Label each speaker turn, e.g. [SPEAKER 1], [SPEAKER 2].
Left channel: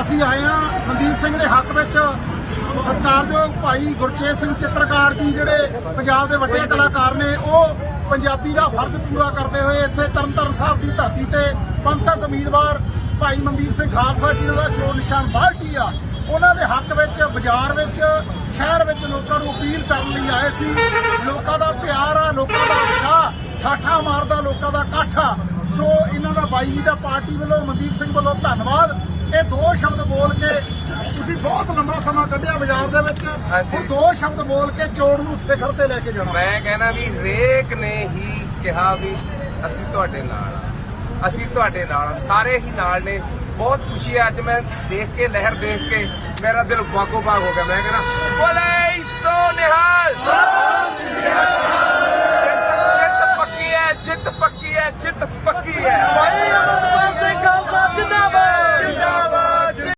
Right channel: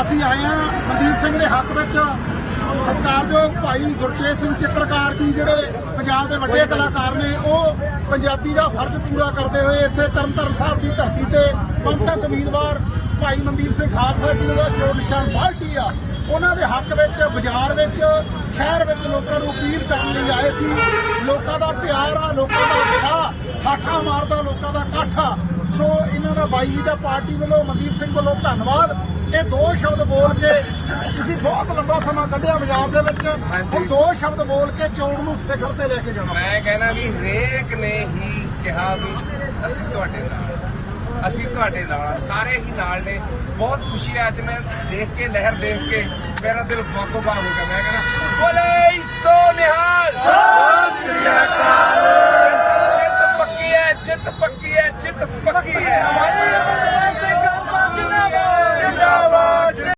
[SPEAKER 1] ਅਸੀਂ ਆਏ ਹਾਂ ਮਨਦੀਪ ਸਿੰਘ ਦੇ ਹੱਕ ਵਿੱਚ। ਸਤਿਕਾਰਯੋਗ ਭਾਈ ਗੁਰਚੇਤ ਸਿੰਘ ਚਿੱਤਰਕਾਰ ਜੀ ਜਿਹੜੇ ਪੰਜਾਬ ਦੇ ਵੱਡੇ ਕਲਾਕਾਰ ਨੇ, ਉਹ ਪੰਜਾਬੀ ਦਾ ਫਰਜ਼ ਪੂਰਾ ਕਰਦੇ ਹੋਏ ਇੱਥੇ ਤਰਨਤਾਰਨ ਸਾਹਿਬ ਦੀ ਧਰਤੀ ਤੇ ਪੰਥਕ ਉਮੀਦਵਾਰ ਭਾਈ ਮਨਦੀਪ ਸਿੰਘ ਖਾਲਸਾ ਜੀ ਦਾ ਚੋਣ ਨਿਸ਼ਾਨ ਬਾਲਟੀ ਆ, ਉਹਨਾਂ ਦੇ ਹੱਕ ਵਿੱਚ ਬਾਜ਼ਾਰ ਵਿੱਚ, ਸ਼ਹਿਰ ਵਿੱਚ ਲੋਕਾਂ ਨੂੰ ਅਪੀਲ ਕਰਨ ਲਈ ਆਏ ਸੀ। ਲੋਕਾਂ ਦਾ ਪਿਆਰ ਆ, ਲੋਕਾਂ ਦਾ ਠਾਠਾ ਮਾਰਦਾ ਲੋਕਾਂ ਦਾ ਇਕੱਠ ਆ ਸੋ ਇਹਨਾਂ ਦਾ ਬਾਈ ਜੀ ਦਾ ਪਾਰਟੀ ਵੱਲੋਂ ਮਨਦੀਪ ਸਿੰਘ ਵੱਲੋਂ ਧੰਨਵਾਦ। ਇਹ ਦੋ ਸ਼ਬਦ ਬੋਲ ਕੇ ਤੁਸੀਂ ਬਹੁਤ ਲੰਬਾ ਸਮਾਂ ਕੱਢਿਆ ਬਾਜ਼ਾਰ ਦੇ ਵਿੱਚ। ਇਹ ਦੋ ਸ਼ਬਦ ਬੋਲ ਕੇ ਚੋਣ ਨੂੰ ਸਿਖਰ ਤੇ ਲੈ ਕੇ ਜਾਣਾ।
[SPEAKER 2] ਮੈਂ ਕਹਿਣਾ ਵੀ ਹਰੇਕ ਨੇ ਹੀ ਕਿਹਾ ਵੀ ਅਸੀਂ ਤੁਹਾਡੇ ਨਾਲ। ਅਸੀਂ ਤੁਹਾਡੇ ਨਾਲ। ਸਾਰੇ ਹੀ ਨਾਲ ਨੇ। ਬਹੁਤ ਖੁਸ਼ੀ ਹੈ ਅੱਜ ਮੈਂ ਦੇਖ ਕੇ ਲਹਿਰ ਦੇਖ ਕੇ ਮੇਰਾ ਦਿਲ ਬਾਗੋ ਬਾਗ ਹੋ ਗਿਆ। ਮੈਂ ਕਹਿੰਦਾ ਬੋਲੇ! ਸਿੱਟ ਪੱਕੀ ਹੈ ਚਿੱਤ ਪੱਕੀ ਹੈ।